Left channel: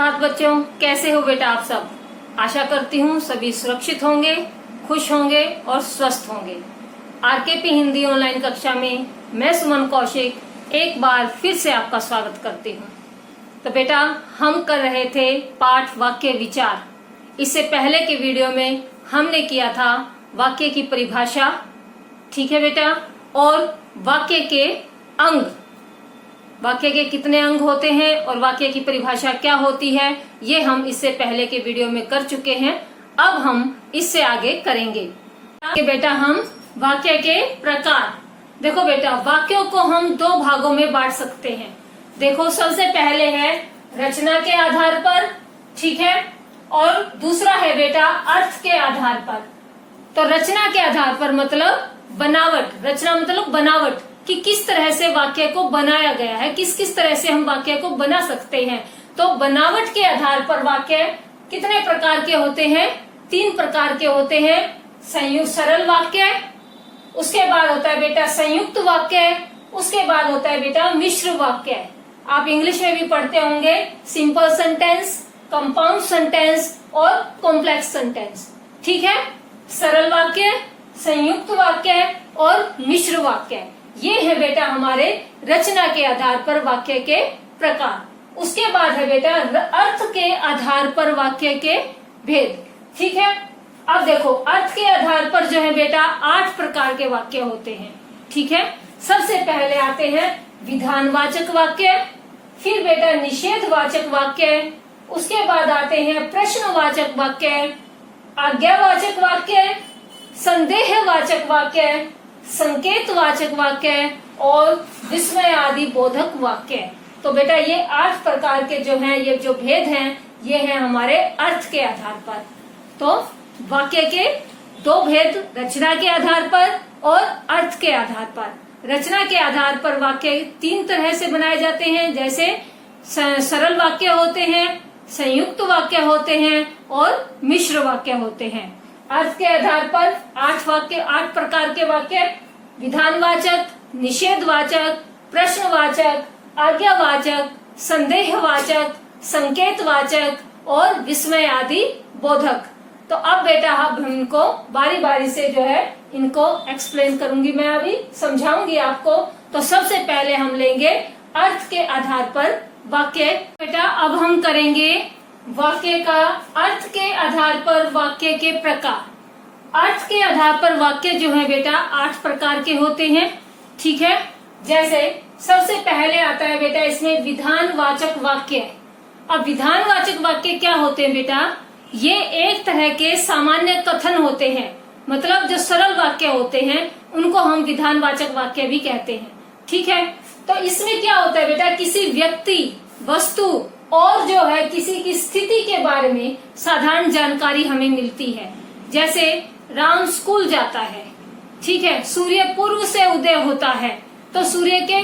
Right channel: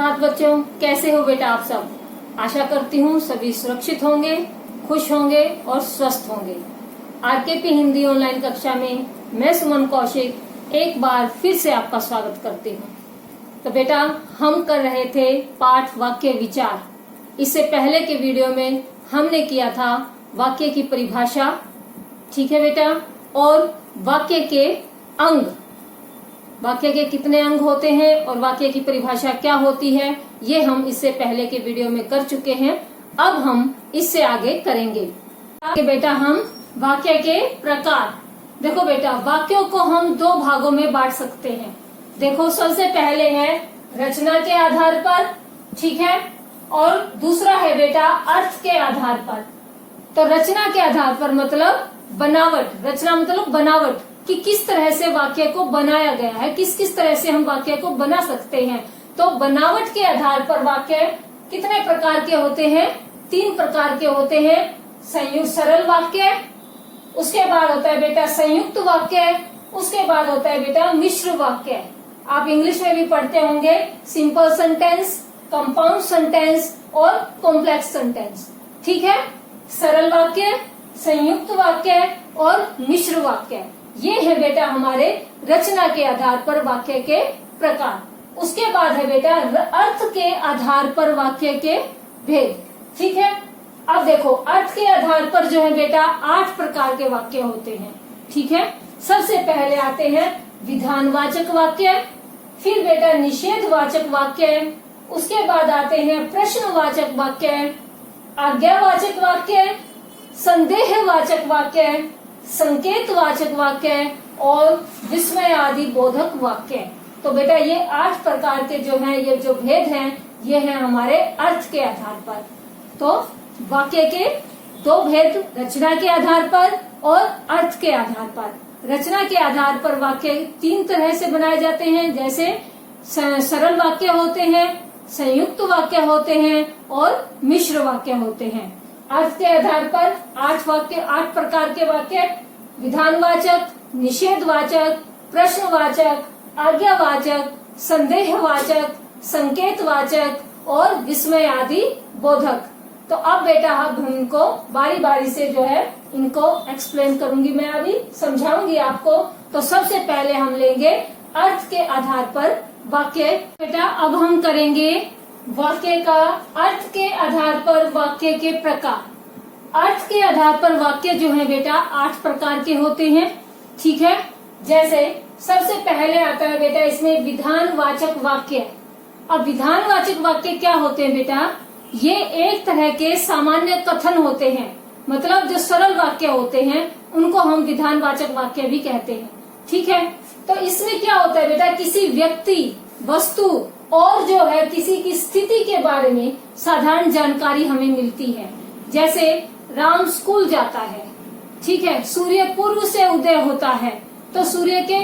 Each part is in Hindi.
सुप्रभात बच्चों, कैसे हो बेटा आप सब। आशा करती हूँ सभी सुरक्षित होंगे, खुश होंगे और स्वस्थ होंगे। आरकेपी हिंदी ऑनलाइन कक्षा में मैं सुमन कौशिक एक बार फिर से आपका स्वागत करती हूँ। तो बेटा हम कर रहे थे पाठ वाक्य विचार। इससे पहले के वीडियो में हमने किया था वाक्य की परिभाषा, ठीक है बेटा, और वाक्य के अंग, वाक्य के कितने अंग होते हैं और वाक्य की परिभाषा क्या होती है, ये हम इससे पहले के वीडियो में कर चुके हैं। अब हम इससे आगे करेंगे कि बेटा हम वाक्य के प्रकार। देखो बेटा, वाक्यों को हम दो भागों में बांट सकते हैं। देखो, सबसे पहले है रचना के आधार पर, ठीक है, और दूसरा है बेटा अर्थ के आधार पर। तो रचना के आधार पर मतलब बनावट, रचना मतलब बनावट कि किस तरह से वाक्य को बनाया गया है, किस किस तरह से हम वाक्य को बना सकते हैं। तो बनावट के आधार पर वाक्य कितने प्रकार के होते हैं? 3 प्रकार के होते हैं। संयुक्त सरल वाक्य, उसके बाद होता है बेटा संयुक्त वाक्य, उसके बाद होता है बेटा मिश्र वाक्य। आप इंग्लिश में भी पढ़ते होंगे सिंपल सेंटेंस, कंपाउंड सेंटेंस और कॉम्प्लेक्स सेंटेंस, ठीक है। सरल वाक्य, संयुक्त वाक्य और मिश्र वाक्य, ये है बेटा हमारे रचना के आधार पर वाक्य के प्रकार। उसके बाद है बेटा अर्थ के आधार पर वाक्य के भेद, ठीक है। अब देखो, अर्थ के आधार पर जो है बेटा 8 प्रकार के वाक्य होते हैं, ठीक है। सबसे पहले आते हैं विधानवाचक वाक्य, फिर बेटा निषेधवाचक वाक्य, उसके बाद आते हैं प्रश्नवाचक वाक्य, आज्ञावाचक वाक्य, संदेहवाचक वाक्य, संकेतवाचक वाक्य और विस्मय आदि बोधक वाक्य। तो बेटा ये 8 प्रकार के जो हैं, ये जो भेद हैं, ये हैं हमारे अर्थ के आधार पर। तो वाक्य के 2 भेद, रचना के आधार पर और अर्थ के आधार पर। रचना के आधार पर वाक्य 3 तरह से बनाए जाते हैं, जैसे सरल वाक्य होते हैं, संयुक्त वाक्य होते हैं और मिश्र वाक्य होते हैं। अर्थ के आधार पर 8 प्रकार के वाक्य, विधानवाचक, निषेधवाचक, प्रश्नवाचक, आज्ञावाचक, संदेहवाचक, संकेतवाचक और विस्मय आदि बोधक। तो अब बेटा अब हम इनको बारी बारी से जो है इनको एक्सप्लेन करूंगी, मैं अभी समझाऊंगी आपको। तो सबसे पहले हम लेंगे अर्थ के आधार पर वाक्य। बेटा अब हम करेंगे वाक्य का अर्थ के आधार पर वाक्य के प्रकार। अर्थ के आधार पर वाक्य जो है बेटा 8 प्रकार के होते हैं, ठीक है। जैसे सबसे पहले आता है बेटा इसमें विधानवाचक वाक्य। अब विधानवाचक वाक्य क्या होते हैं बेटा? ये एक तरह के सामान्य कथन होते हैं, मतलब जो सरल वाक्य होते हैं उनको हम विधानवाचक वाक्य भी कहते हैं, ठीक है। तो इसमें क्या होता है बेटा, किसी व्यक्ति, वस्तु और जो है किसी की स्थिति के बारे में साधारण जानकारी हमें मिलती है। जैसे राम स्कूल जाता है, ठीक है, सूर्य पूर्व से उदय होता है, तो सूर्य के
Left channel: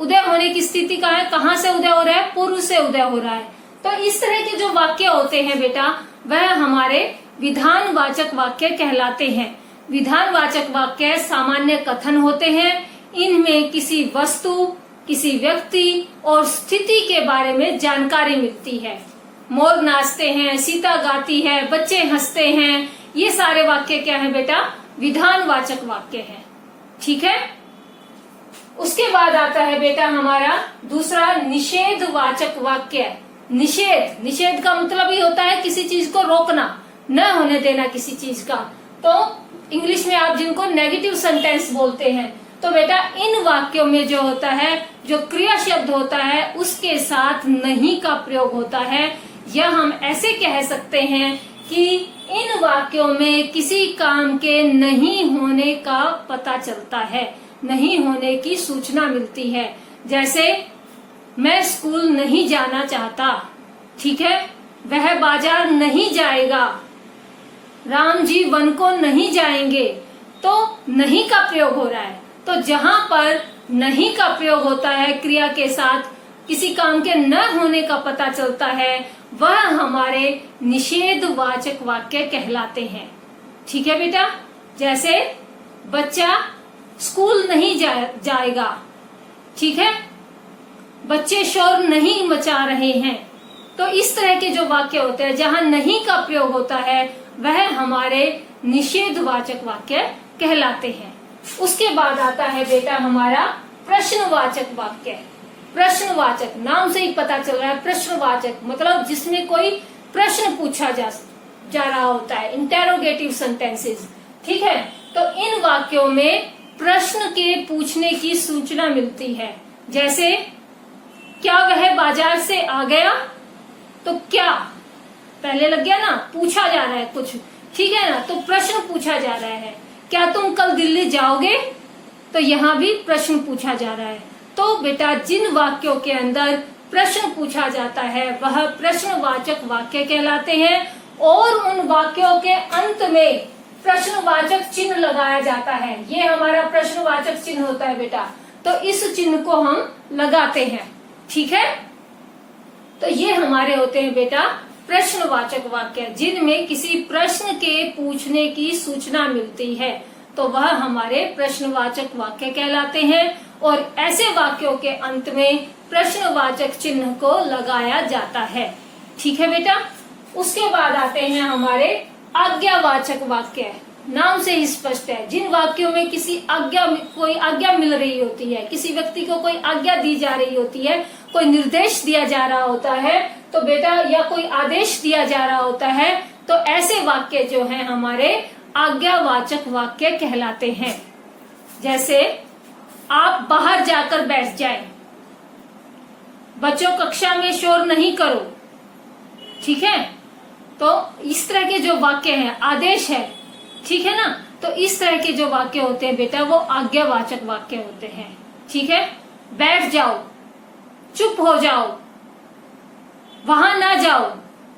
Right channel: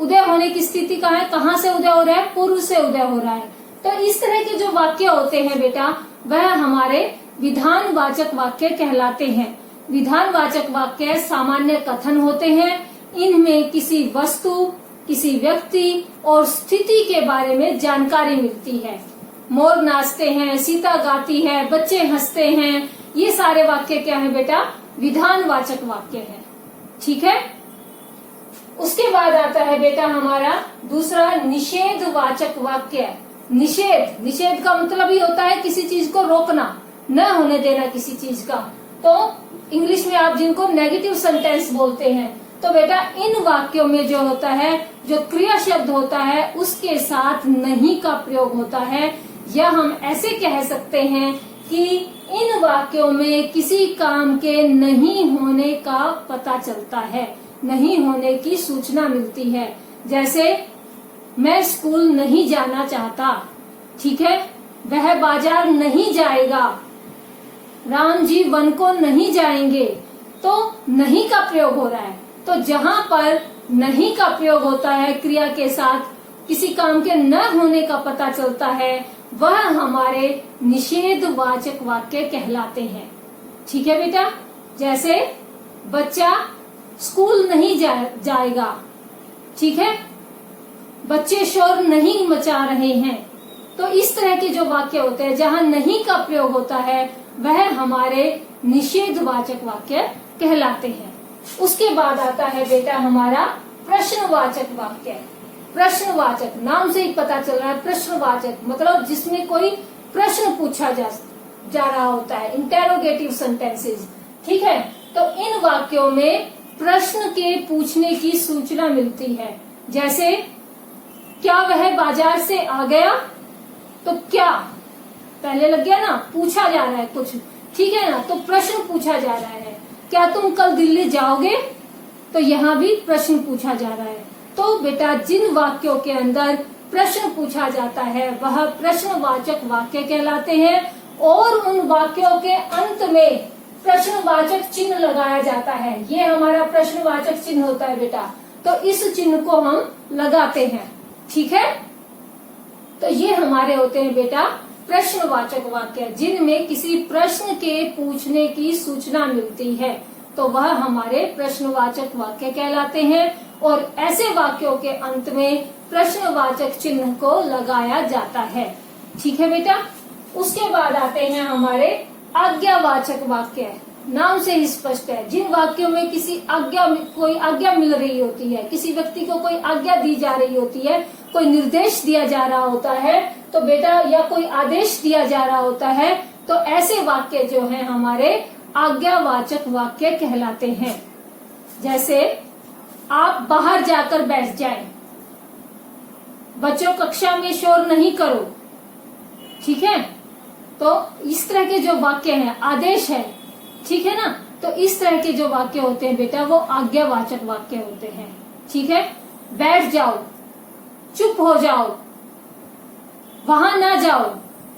उदय होने की स्थिति का है, कहाँ से उदय हो रहा है? पूर्व से उदय हो रहा है। तो इस तरह के जो वाक्य होते हैं बेटा, वह हमारे विधानवाचक वाक्य कहलाते हैं। विधानवाचक वाक्य सामान्य कथन होते हैं, इनमें किसी वस्तु, किसी व्यक्ति और स्थिति के बारे में जानकारी मिलती है। मोर नाचते हैं, सीता गाती है, बच्चे हंसते हैं, ये सारे वाक्य क्या है बेटा? विधानवाचक वाक्य है, ठीक है। उसके बाद आता है बेटा हमारा दूसरा निषेधवाचक वाक्य। निषेध का मतलब ही होता है किसी चीज को रोकना, न होने देना किसी चीज का। तो इंग्लिश में आप जिनको नेगेटिव सेंटेंस बोलते हैं, तो बेटा इन वाक्यों में जो होता है, जो क्रिया शब्द होता है उसके साथ नहीं का प्रयोग होता है, या हम ऐसे कह सकते हैं कि इन वाक्यों में किसी काम के नहीं होने का पता चलता है, नहीं होने की सूचना मिलती है। जैसे मैं स्कूल नहीं जाना चाहता, ठीक है, वह बाजार नहीं जाएगा, राम जी वन को नहीं जाएंगे, तो नहीं का प्रयोग हो रहा है। तो जहाँ पर नहीं का प्रयोग होता है क्रिया के साथ, किसी काम के न होने का पता चलता है, वह हमारे निषेधवाचक वाक्य कहलाते हैं, ठीक है बेटा। जैसे बच्चा स्कूल नहीं जाएगा, ठीक है, बच्चे शोर नहीं मचा रहे हैं, तो इस तरह के जो वाक्य होते हैं जहाँ नहीं का प्रयोग होता है वह हमारे निषेधवाचक वाक्य कहलाते हैं। उसके बाद आता है बेटा हमारा प्रश्नवाचक वाक्य। प्रश्नवाचक नाम से ही पता चल रहा है, प्रश्नवाचक मतलब जिसमें कोई प्रश्न पूछा जा रहा होता है, इंटेरोगेटिव सेंटेंसेस। ठीक है, तो इन वाक्यों में प्रश्न के पूछने की सूचना मिलती है। जैसे क्या वह बाजार से आ गया, तो क्या पहले लग गया ना, पूछा जा रहा है कुछ, ठीक है ना, तो प्रश्न पूछा जा रहा है। क्या तुम कल दिल्ली जाओगे, तो यहाँ भी प्रश्न पूछा जा रहा है। तो बेटा जिन वाक्यों के अंदर प्रश्न पूछा जाता है वह प्रश्नवाचक वाक्य कहलाते हैं, और उन वाक्यों के अंत में प्रश्नवाचक चिन्ह लगाया जाता है। ये हमारा प्रश्नवाचक चिन्ह होता है बेटा, तो इस चिन्ह को हम लगाते हैं। ठीक है, तो ये हमारे होते हैं बेटा प्रश्नवाचक वाक्य, जिनमें किसी प्रश्न के पूछने की सूचना मिलती है, तो वह हमारे प्रश्नवाचक वाक्य कहलाते हैं। और ऐसे वाक्यों के अंत में प्रश्नवाचक चिन्ह को लगाया जाता है। ठीक है बेटा, उसके बाद आते हैं हमारे आज्ञावाचक वाक्य। नाम से ही स्पष्ट है, जिन वाक्यों में कोई आज्ञा मिल रही होती है, किसी व्यक्ति को कोई आज्ञा दी जा रही होती है, कोई निर्देश दिया जा रहा होता है, तो बेटा या कोई आदेश दिया जा रहा होता है, तो ऐसे वाक्य जो हैं हमारे आज्ञावाचक वाक्य कहलाते हैं। जैसे आप बाहर जाकर बैठ जाएं, बच्चों कक्षा में शोर नहीं करो। ठीक है, तो इस तरह के जो वाक्य हैं, आदेश है, ठीक है ना, तो इस तरह के जो वाक्य होते हैं बेटा वो आज्ञावाचक वाक्य होते हैं। ठीक है, बैठ जाओ, चुप हो जाओ, वहां ना जाओ,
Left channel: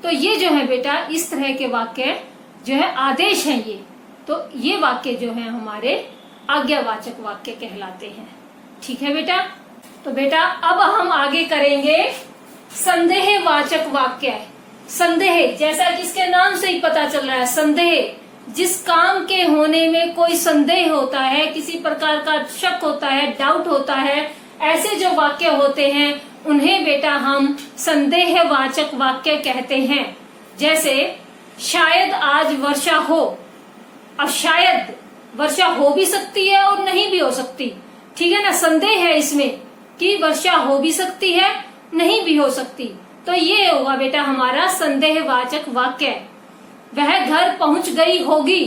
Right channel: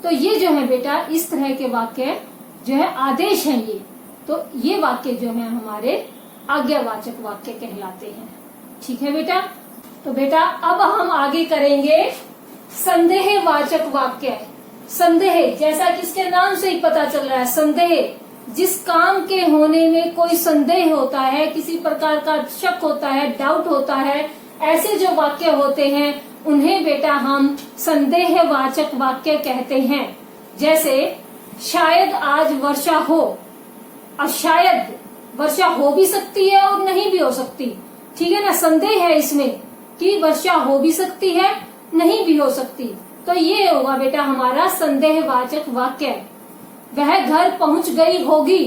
तो ये जो है बेटा इस तरह के वाक्य जो है आदेश हैं ये, तो ये वाक्य जो है हमारे आज्ञावाचक वाक्य कहलाते हैं। ठीक है बेटा, तो बेटा अब हम आगे करेंगे संदेहवाचक वाक्य। संदेह, जैसा कि इसके नाम से ही पता चल रहा है, संदेह जिस काम के होने में कोई संदेह होता है, किसी प्रकार का शक होता है, डाउट होता है, ऐसे जो वाक्य होते हैं उन्हें बेटा हम संदेहवाचक वाक्य कहते हैं। जैसे शायद आज वर्षा हो, अब शायद वर्षा हो भी सकती है और नहीं भी हो सकती। ठीक है ना, संदेह है इसमें कि वर्षा हो भी सकती है, नहीं भी हो सकती, तो ये होगा बेटा हमारा संदेहवाचक वाक्य। वह घर पहुंच गई होगी,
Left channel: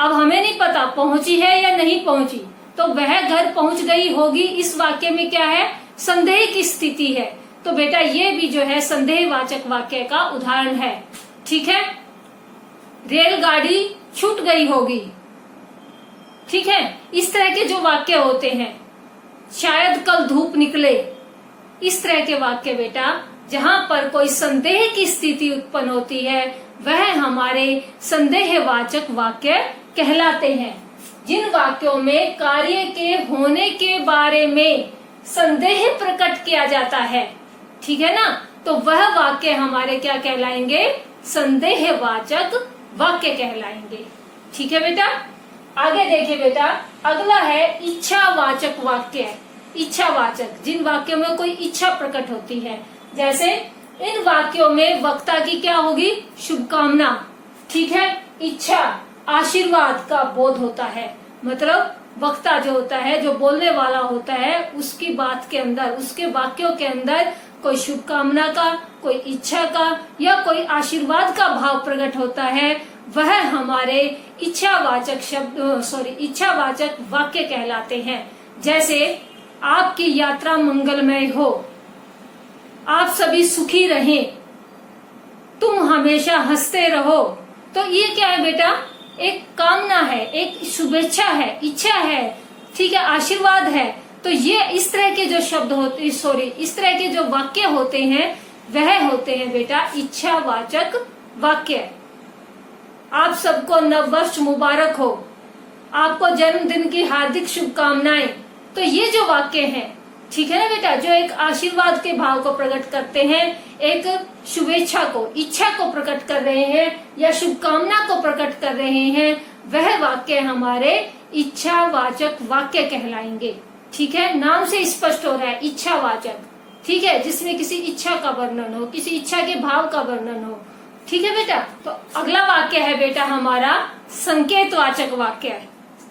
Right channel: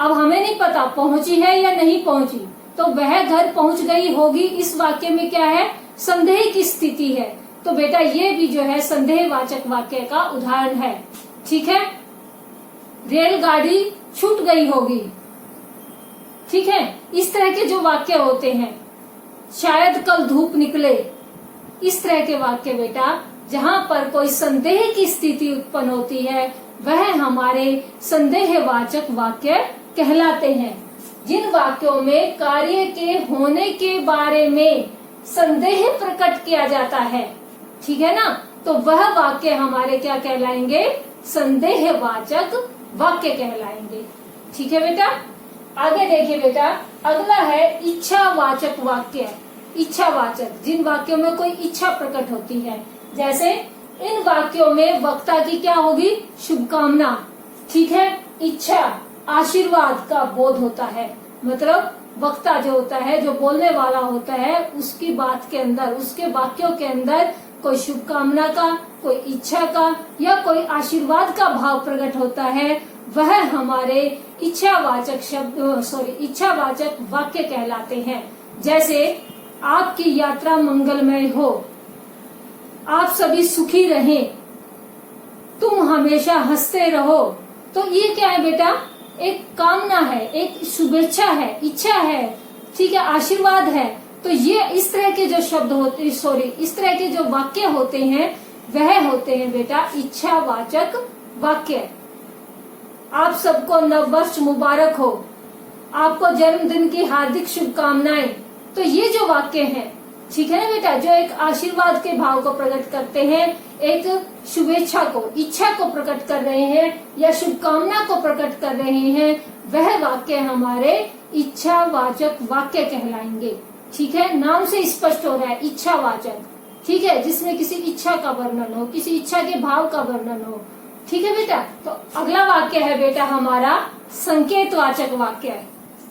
अब हमें नहीं पता पहुंची है या नहीं पहुंची, तो वह घर पहुंच गई होगी, इस वाक्य में क्या है, संदेह की स्थिति है, तो बेटा ये भी जो है संदेहवाचक वाक्य का उदाहरण है। ठीक है, रेलगाड़ी छूट गई होगी। ठीक है, इस तरह के जो वाक्य होते हैं, शायद कल धूप निकले, इस तरह के वाक्य बेटा जहाँ पर कोई संदेह की स्थिति उत्पन्न होती है वह हमारे संदेहवाचक वाक्य कहलाते हैं। जिन वाक्यों में कार्य के होने के बारे में संदेह प्रकट किया जाता है, ठीक है ना, तो वह वाक्य हमारे क्या कहलाएंगे, संदेहवाचक वाक्य कहलाएंगे। ठीक है बेटा, आगे देखिए बेटा, अगला है इच्छावाचक वाक्य। इच्छावाचक, जिन वाक्यों में कोई इच्छा प्रकट होती है, जैसे इन वाक्यों में वक्ता की क्या होगी, शुभकामना। ठीक है, इच्छा आशीर्वाद का बोध होता है, मतलब वक्ता जो होता है, जो बोलने वाला होता है, उसकी बात के अंदर, उसके वाक्यों के अंदर कोई शुभकामना का, कोई इच्छा का या कोई आशीर्वाद का भाव प्रकट होता है, वह हमारे इच्छावाचक वाक्य कहलाते हैं। जैसे आपकी यात्रा मंगलमय हो, आप सभी सुखी रहें, तुम हमेशा हंसते रहो, तो ये क्या है बेटा, एक कामना है, एक शुभेच्छा है, इच्छा है, ठीक है, आशीर्वाद है। तो ये इस तरह के जो शब्द होते, इस तरह के जो वाक्य होते हैं वह होते हैं बेटा इच्छावाचक वाक्य। आप सबको नव वर्ष मुबारक हो, आपको जन्मदिन की हार्दिक शुभकामनाएं, तो ये जो वाक्य हैं, ठीक है ना बेटा, जो एक आशीर्वाद के भाव को प्रकट करते हैं, एक शुभेच्छा को, इच्छा को प्रकट कर रहे हैं या शुभकामना को प्रकट कर रहे हैं, वह वाक्य हमारे इच्छावाचक वाक्य कहलाएंगे। ठीक है, नाम से स्पष्ट हो रहा है इच्छावाचक। ठीक है, जिसमें किसी इच्छा का वर्णन हो, किसी इच्छा के भाव का वर्णन हो। ठीक है बेटा, तो अगला वाक्य है बेटा हमारा संकेतवाचक वाक्य।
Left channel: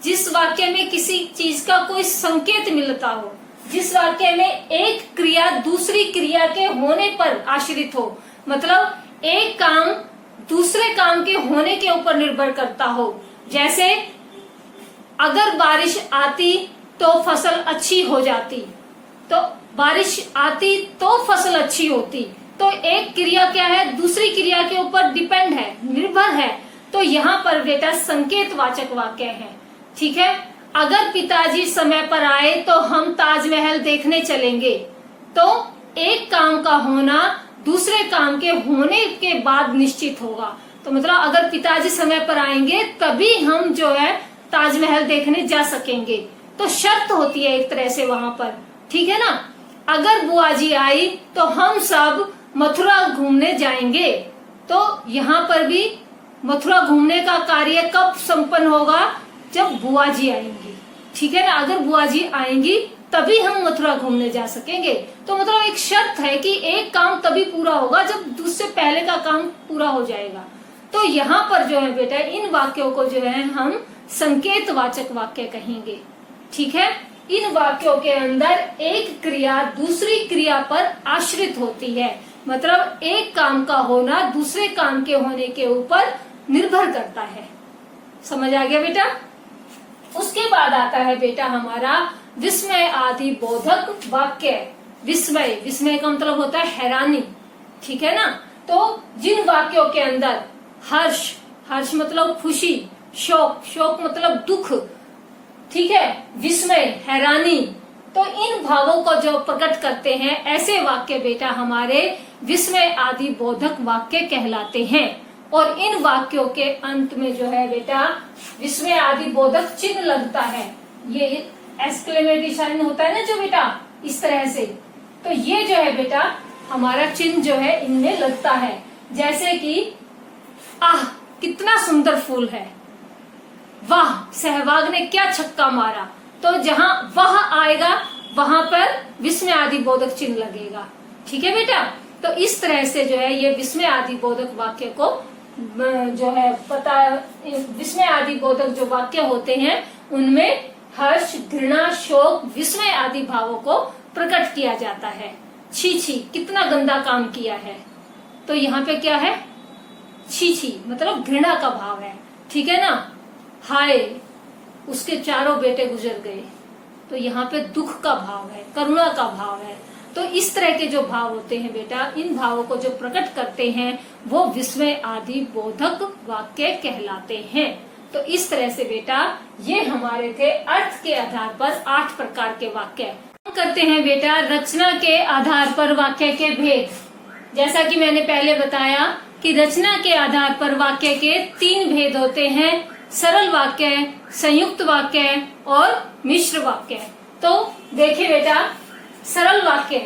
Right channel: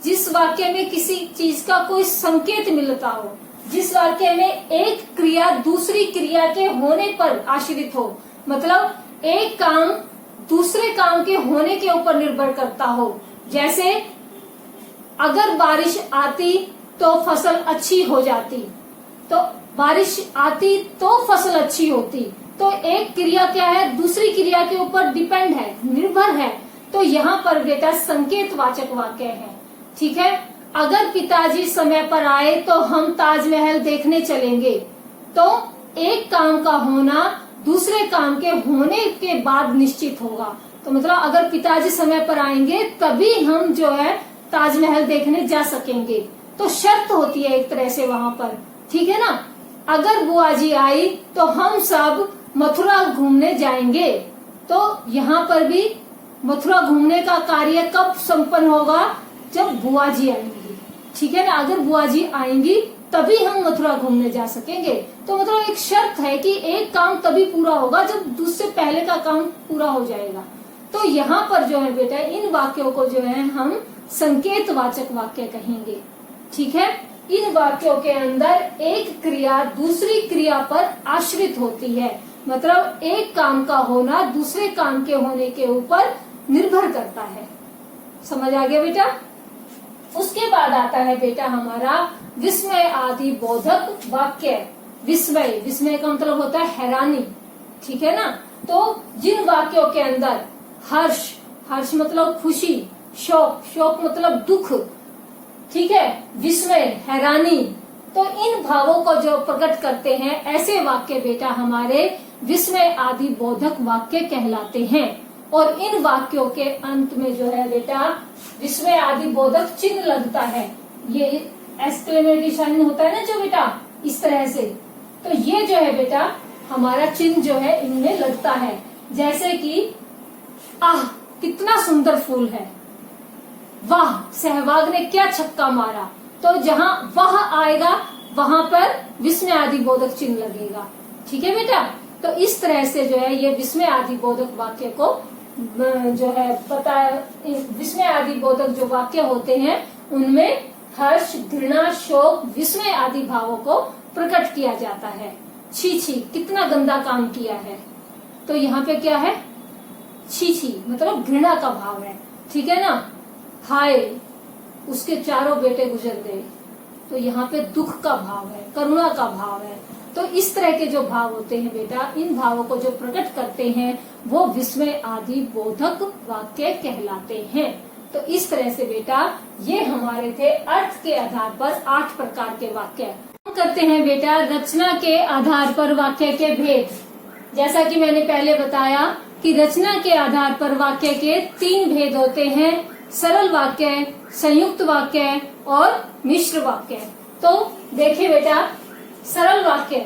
जिस वाक्य में किसी चीज का कोई संकेत मिलता हो, जिस वाक्य में एक क्रिया दूसरी क्रिया के होने पर आश्रित हो, मतलब एक काम दूसरे काम के होने के ऊपर निर्भर करता हो। जैसे अगर बारिश आती तो फसल अच्छी हो जाती, तो बारिश आती तो फसल अच्छी होती। तो एक क्रिया क्या है, दूसरी क्रिया के ऊपर डिपेंड है, निर्भर है। तो यहाँ पर बेटा संकेतवाचक वाक्य है। ठीक है, अगर पिताजी समय पर आए तो हम ताजमहल देखने चलेंगे। तो एक काम का होना दूसरे काम के होने के बाद निश्चित होगा। तो मतलब अगर पिताजी समय पर आएंगे तभी हम जो है ताजमहल देखने जा सकेंगे। तो शर्त होती है एक तरह से वहां पर। ठीक है ना, अगर बुआ जी आई तो हम सब मथुरा घूमने जाएंगे। तो यहाँ पर भी मथुरा घूमने का कार्य कब संपन्न होगा, जब बुआ जी आएंगी। ठीक है ना, अगर बुआ जी आएंगी तभी हम मथुरा घूमने जा सकेंगे। तो मतलब एक शर्त है कि एक काम तभी पूरा होगा जब दूसरे पहले का काम पूरा हो जाएगा। तो यहाँ पर जो है बेटा इन वाक्यों को जो है हम संकेतवाचक वाक्य कहेंगे। ठीक है, इन वाक्यों के अंदर एक क्रिया दूसरी क्रिया पर आश्रित होती है, मतलब एक काम का होना दूसरे काम के होने के ऊपर निर्भर करता है। समझ आ गया बेटा। उसके बाद आता है बेटा हमारा विस्मय आदि बोधक वाक्य। विस्मय, विस्मय का मतलब होता है हैरानी। ठीक है ना, तो जिन वाक्यों के अंदर हर्ष, हर्ष मतलब खुशी, शोक, शोक मतलब दुख, ठीक है, विस्मय हैरानी, तो इन भावों को जो प्रकट करते हैं ऐसे वाक्य बेटा हमारे विस्मय आदि बोधक वाक्य कहलाते हैं। और इन वाक्यों के अंत में जो है बेटा विस्मय आदि बोधक चिन्ह लगता है। ये एक्सक्लेमेटरी साइन होता है ना जो बेटा, इस तरह से। तो ये जो है बेटा हमारा चिन्ह जो है इनमें लगता है। जैसे कि आह कितना सुंदर फूल है, वाह सहवाग ने क्या छक्का मारा। तो जहाँ वह आएगा वहां पर विस्मय आदि बोधक चिन्ह लगेगा। ठीक है बेटा, तो इस तरह से जो है ये विस्मय आदि बोधक वाक्य को जो है पता, विस्मय आदि बोधक जो वाक्य होते हैं उनमें हर्ष, घृणा, शोक, विस्मय आदि भावों को प्रकट किया जाता है। छी छी कितना गंदा काम किया है, तो यहाँ पे क्या है, छी छी मतलब घृणा का भाव है। ठीक है ना, हाय उसके चारों बेटे गुजर गए, तो यहाँ पे दुख का भाव है, करुणा का भाव है। तो इस तरह के जो भाव होते हैं बेटा, इन भावों को जो प्रकट करते हैं वो विस्मय आदि बोधक वाक्य कहलाते हैं। तो इस तरह से बेटा ये हमारे थे अर्थ के आधार पर 8 प्रकार के वाक्य। हम करते हैं बेटा रचना के आधार पर वाक्य के भेद। जैसा कि मैंने पहले बताया कि रचना के आधार पर वाक्य के 3 भेद होते हैं, सरल वाक्य, संयुक्त वाक्य और मिश्र वाक्य। तो देखिए बेटा सरल वाक्य,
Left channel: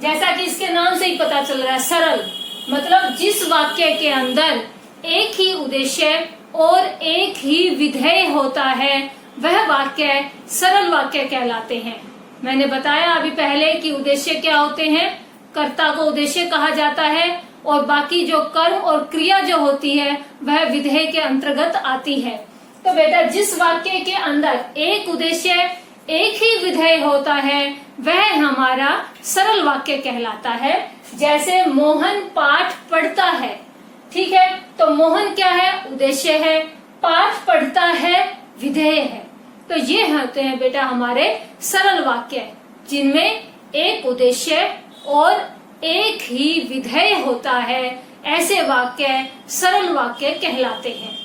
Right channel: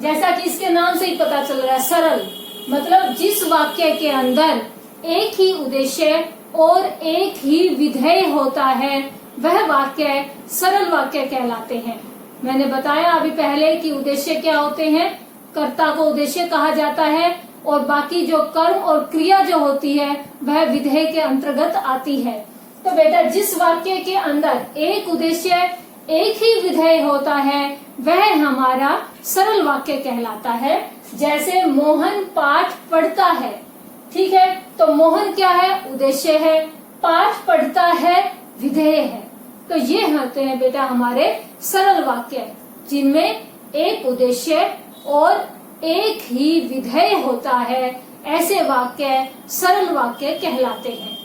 जैसा कि इसके नाम से ही पता चल रहा है, सरल मतलब जिस वाक्य के अंदर एक ही उद्देश्य और एक ही विधेय होता है वह वाक्य सरल वाक्य कहलाते हैं। मैंने बताया अभी पहले कि उद्देश्य क्या होते हैं, कर्ता को उद्देश्य कहा जाता है और बाकी जो कर्म और क्रिया जो होती है वह विधेय के अंतर्गत आती है। तो बेटा जिस वाक्य के अंदर एक उद्देश्य एक ही विधेय होता है वह हमारा सरल वाक्य कहलाता है। जैसे मोहन पाठ पढ़ता है, ठीक है, तो मोहन क्या है, उद्देश्य है, पाठ पढ़ता है विधेय है। तो ये होते हैं बेटा हमारे सरल वाक्य जिनमें एक उद्देश्य और एक ही विधेय होता है, ऐसे वाक्य सरल वाक्य कहलाते हैं।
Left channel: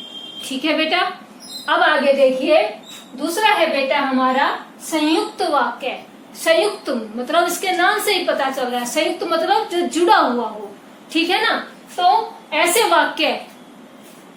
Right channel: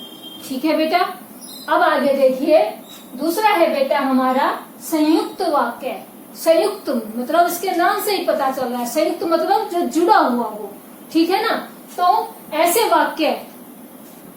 ठीक है बेटा, अब आगे देखिए दूसरा है बेटा हमारा संयुक्त वाक्य। संयुक्त मतलब इसके नाम से ही पता चल रहा है, संयुक्त मतलब जो जुड़ा हुआ हो। ठीक है ना, तो ऐसे वाक्य,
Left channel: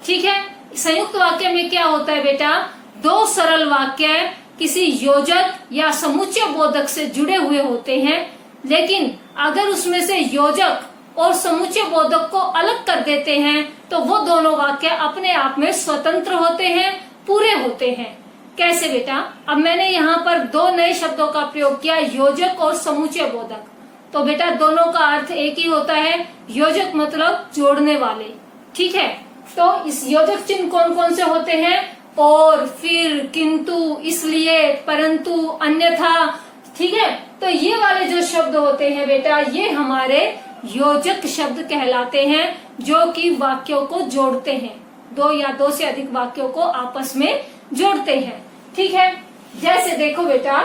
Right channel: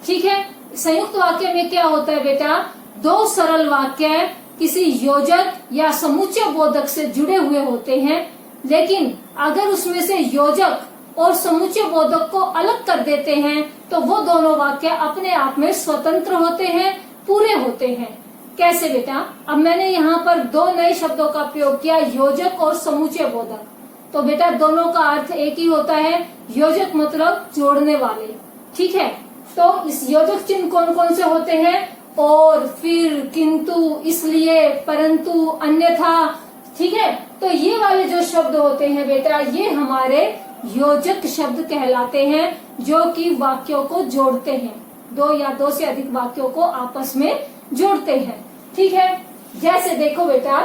ठीक है, संयुक्त वाक्य में क्या होता है बेटा, 2 सरल वाक्य किसी योजक या समुच्चय बोधक से जुड़े हुए होते हैं, लेकिन अगर उसमें से योजक और समुच्चय बोधक को अलग कर देते हैं तो वो दोनों वाक्य अपने आप में स्वतंत्र होते हैं, पूरे होते हैं। कैसे बेटा, अब मैंने यहाँ पर 2 नए शब्दों का प्रयोग किया, योजक और समुच्चय बोधक। तो बेटा दोनों का अर्थ एक ही होता है, योजक मतलब जोड़ने वाले। ठीक है, तो इस योजक चिन्ह कौन कौन से होते हैं? और, फिर, किंतु, इसलिए, परंतु, अन्यथा। ठीक है, तो ये वाले जो शब्द होते हैं बेटा, ये हमारे योजक शब्द कहलाते हैं, जो कि वाक्यों को जोड़ते हैं, दो या दो से अधिक वाक्यों को आपस में जोड़ते हैं। ठीक है, जैसे देखो बेटा,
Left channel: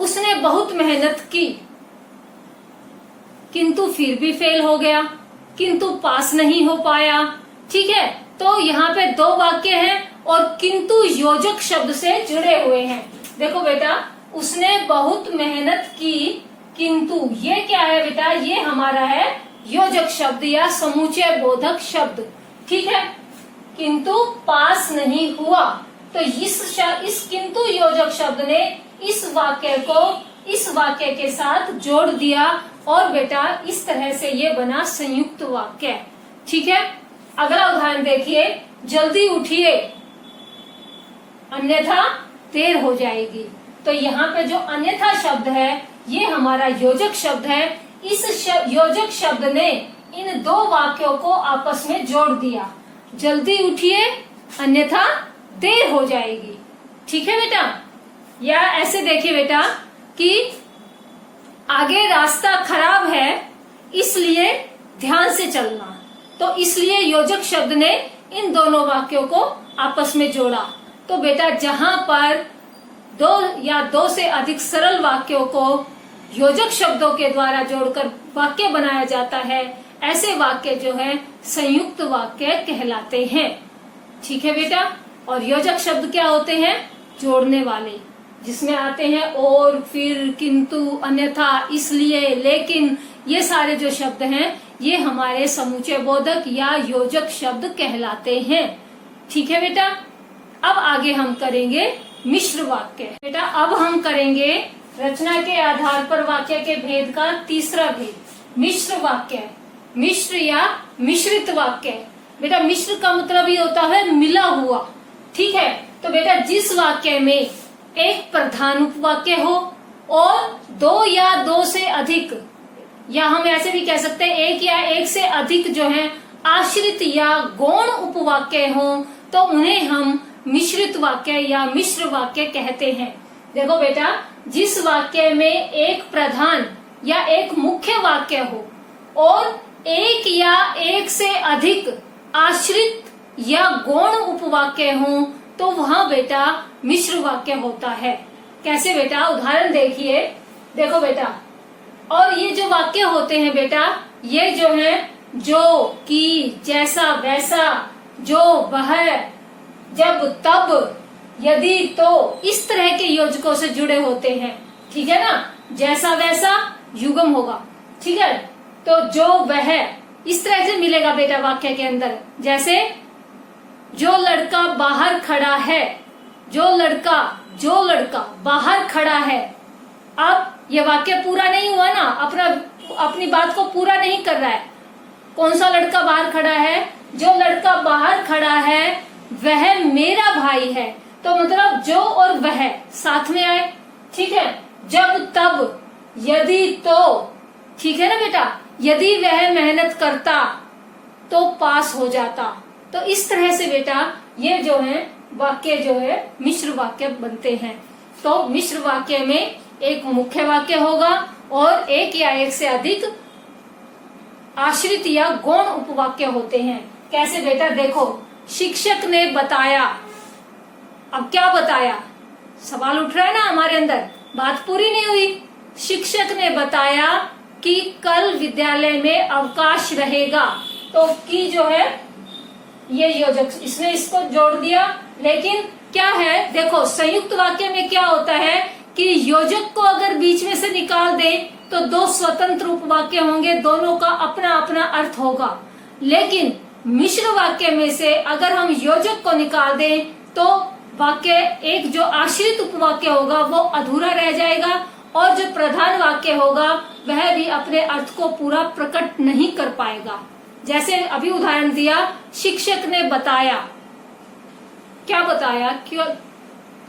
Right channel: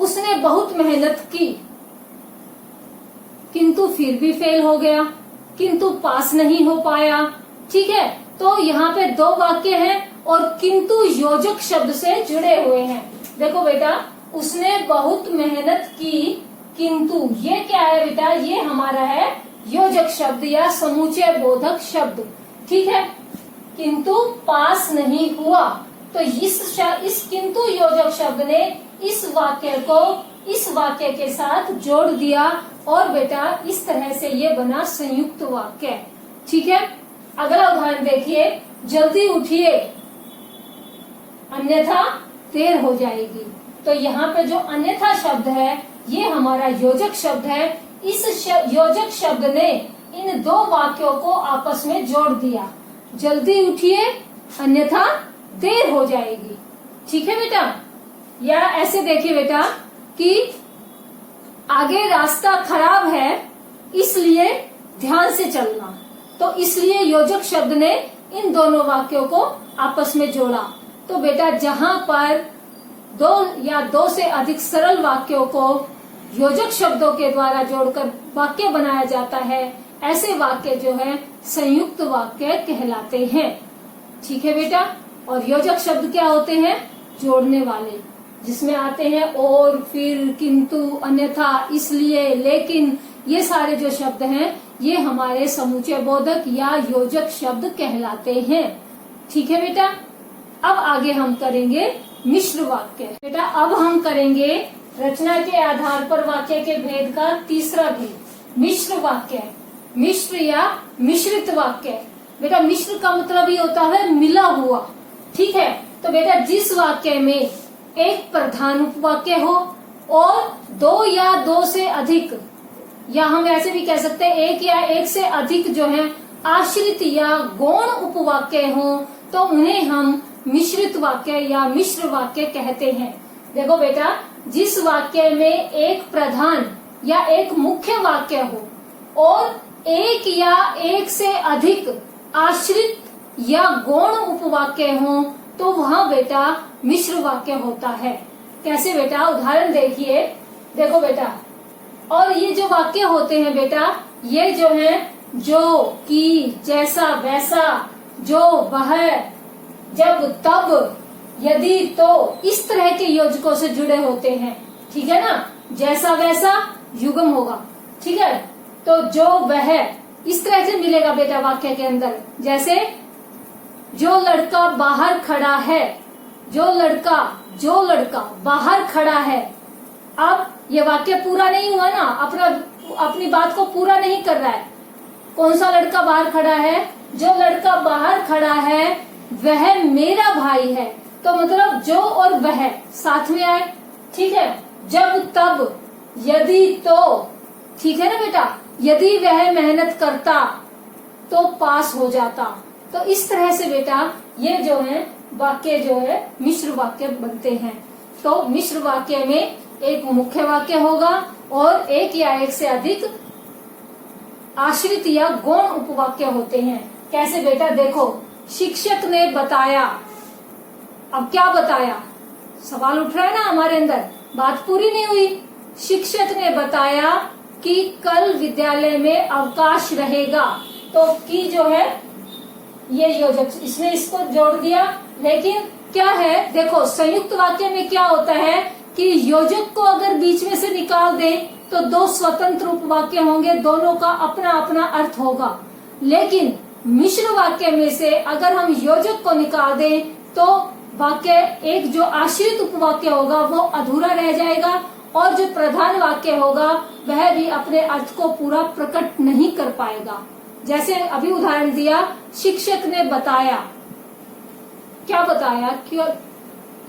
उसने बहुत मेहनत की किंतु फिर भी फेल हो गया, किंतु पास नहीं हो पाया। ठीक है, तो यहाँ पे दो वाक्य हैं और किंतु योजक शब्द से जुड़े हुए हैं। देखो बेटा, उसने बहुत मेहनत की किंतु, ये क्या है बेटा? ये हमारा है योजक शब्द या समुच्चय बोधक शब्द। ठीक है, किंतु पास नहीं हुआ, तो इस किंतु योजक शब्द ने इस वाक्य को इस वाक्य के साथ जोड़ दिया और बेटा इस तरह से ये बना संयुक्त वाक्य। ठीक है, अगला उदाहरण देखिए, जल्दी उठिए अन्यथा देर हो जाएगी। तो यहाँ पे जो अन्यथा शब्द है ये हमारा योजक शब्द है। इस योजक शब्द ने इन दो वाक्यों को आपस में जोड़ दिया, जल्दी उठिए अन्यथा देर हो जाएगी। ठीक है बेटा, या ऐसे देखिए बेटा कि आगे रास्ता खराब है इसलिए ध्यान से चलना, तो इसलिए योजक शब्द ने इन दोनों वाक्यों को आपस में जोड़ा। तो बेटा जहाँ पर दो या दो से अधिक सरल वाक्यों को योजक शब्दों के द्वारा जोड़कर वाक्य बनाया जाता है, ऐसे वाक्य जो है संयुक्त वाक्य कहलाते हैं। ठीक है बेटा, और योजक शब्द क्या होते हैं? जोड़ने वाले, जिसमें आते हैं और, फिर, किंतु, अन्यथा, इसलिए, लेकिन, ये सारे जो शब्द हैं ये हमारे समुच्चय बोधक या योजक शब्द कहलाते हैं। ठीक है बेटा, अब आगे हम करेंगे मिश्र वाक्य। बेटा अब हम करेंगे रचना के आधार पर वाक्य के भेद का तीसरा भेद, मिश्र वाक्य, मिश्र या मिश्रित वाक्य। बेटा मिश्र का मतलब ही होता है मिला हुआ। ठीक है, तो बेटा जिस वाक्य में एक प्रधान उपवाक्य हो और दो या दो से अधिक, या हम ऐसे भी कह सकते हैं एक या एक से अधिक जो है आश्रित या गौण उपवाक्य हो, तो उन्हें हम मिश्रित वाक्य या मिश्र वाक्य कहते हैं। देखो बेटा, जिस वाक्य में एक प्रधान या एक मुख्य वाक्य हो और एक या एक से अधिक आश्रित या गौण उपवाक्य हो, तो वहाँ बेटा मिश्र वाक्य होता है। कैसे बेटा? उदाहरण देखिए। देखो बेटा, और ये जो वाक्य होते हैं बेटा, ये जो है जो, कि, जैसा, वैसा, जो, वह, जब, तब, यदि, तो, इस तरह के योजकों से जुड़े होते हैं। ठीक है ना? जैसा वैसा युग्म होगा। ठीक है, तो जो वह इस तरह से मिलेगा बेटा वाक्य के अंदर। जैसे जो लड़का बाहर खड़ा है, जो लड़का बाहर खड़ा है। अब ये वाक्य पूरा नहीं हुआ ना, अपनी बात को पूरा नहीं कर रहा है। कौन सा लड़का बाहर खड़ा है? जो लड़का बाहर खड़ा है वह मेरा भाई है। तो मतलब जो और वह साथ में आए। ठीक है, जब, तब, यदि, तो। ठीक है ना बेटा? यदि वह मेहनत करता तो पास हो जाता। तो इस तरह से बेटा ये जो है वाक्य जो है मिश्र वाक्य बनते हैं। तो मिश्र वाक्य में एक मुख्य वाक्य होगा और एक या एक से अधिक आश्रित या गौण उपवाक्य होते हैं। कैसे बेटा? देखो, शिक्षक ने बताया। अब क्या बताया? सवाल उठ रहा है ना हमारे अंदर, बात पूरी नहीं हुई। शिक्षक ने बताया कि कल विद्यालय में अवकाश रहेगा। तो की जो है ये योजक, इसने इसको जोड़ दिया। लेकिन क्या है, देखो संयुक्त वाक्य में क्या होता है कि योजक को अगर बीच में से निकाल दे तो दो स्वतंत्र उपवाक्य होंगे, दोनों का अपना अपना अर्थ होगा। लेकिन मिश्र वाक्य में से अगर हम योजक को निकाल दें तो वाक्य एक जो आश्रित उपवाक्य होगा वो अधूरा रह जाएगा और जो प्रधान वाक्य होगा वह भी अपने अर्थ को पूरा प्रकट नहीं कर पाएगा। जैसे अभी उदाहरण दिया, शिक्षक ने बताया। क्या बताया? क्यों,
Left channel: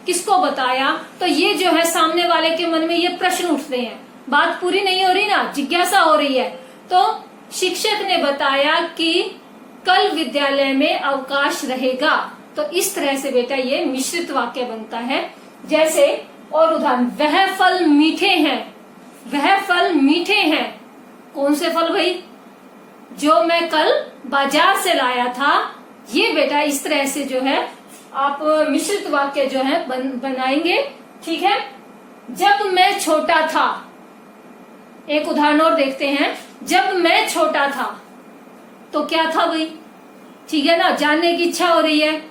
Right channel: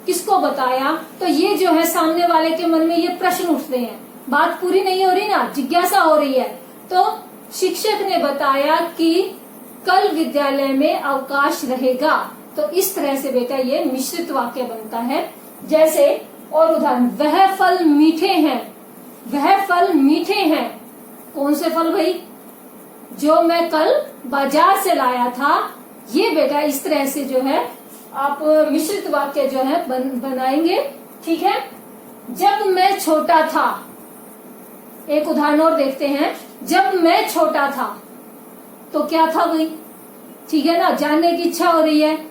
किसको बताया? तो ये जो है सामने वाले के मन में ये प्रश्न उठते हैं, बात पूरी नहीं हो रही ना, जिज्ञासा हो रही है। तो शिक्षक ने बताया कि कल विद्यालय में अवकाश रहेगा। तो इस तरह से बेटा ये मिश्रित वाक्य बनता है। जैसे और उदाहरण, वह फल मीठे हैं, वह फल मीठे हैं। कौन से फल भाई? जो मैं कल बाजार से लाया था। ये बेटा इस तरह से जो है आप मिश्रित वाक्य जो है बनाएंगे। ठीक है। जब मैं छोटा था, एक उदाहरण और देखते हैं। जब मैं छोटा था तो क्या था भाई? ठीक है ना, जानने की इच्छा हो रही है।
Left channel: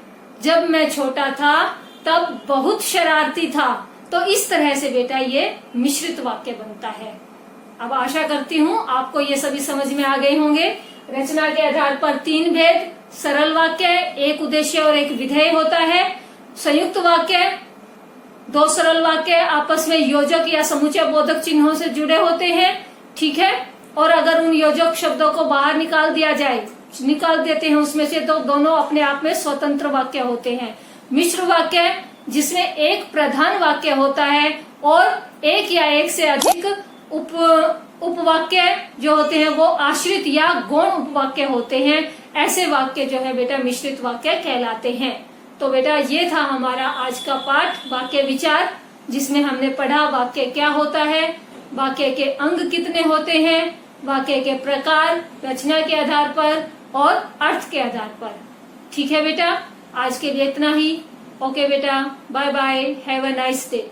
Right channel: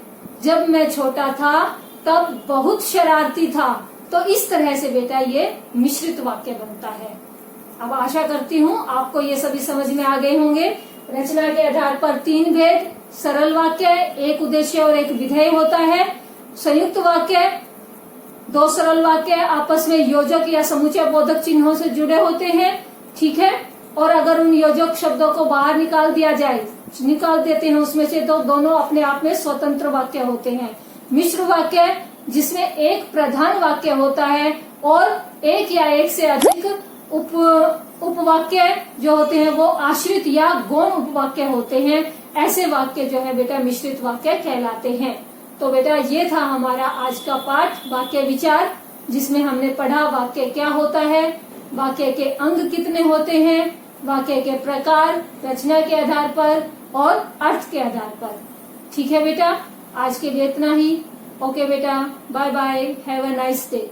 जब मैं छोटा था तब बहुत शरारती था। तो इस तरह से बेटा ये मिश्रित वाक्य बनता है। अब आशा करती हूँ आपको ये सभी समझ में आ गए होंगे। रचना के आधार पर 3 भेद, सरल वाक्य, एक उद्देश्य और एक विधेय होता है। संयुक्त वाक्य, 2 सरल वाक्य आपस में योजक या समूचे बोधक चिन्हों से जुड़े होते हैं। ठीक है। और अगर उन योजक शब्दों को बाहर निकाल दिया जाए, निकाल देते हैं उसमें से, तो दोनों अपने आप में स्वतंत्र वाक्य होते हैं। मिश्र वाक्य, जिसमें एक प्रधान वाक्य होता है और एक या एक से अधिक उपवाक्य जो होते हैं वो आश्रित या गौण उपवाक्य होते हैं। ऐसे वाक्य जो है बेटा मिश्रित वाक्य कहलाते हैं। तो बेटा ये था हमारा आज का पाठ, वाक्य विचार, जिसमें हमने पढ़ा वाक्य क्या होता है, वाक्य के अंग कितने होते हैं, वाक्य के प्रकार, रचना के आधार पर और अर्थ के आधार पर। ठीक है बेटा, आज के लिए इतना ही। ओके बेटा, bye bye, have a nice day.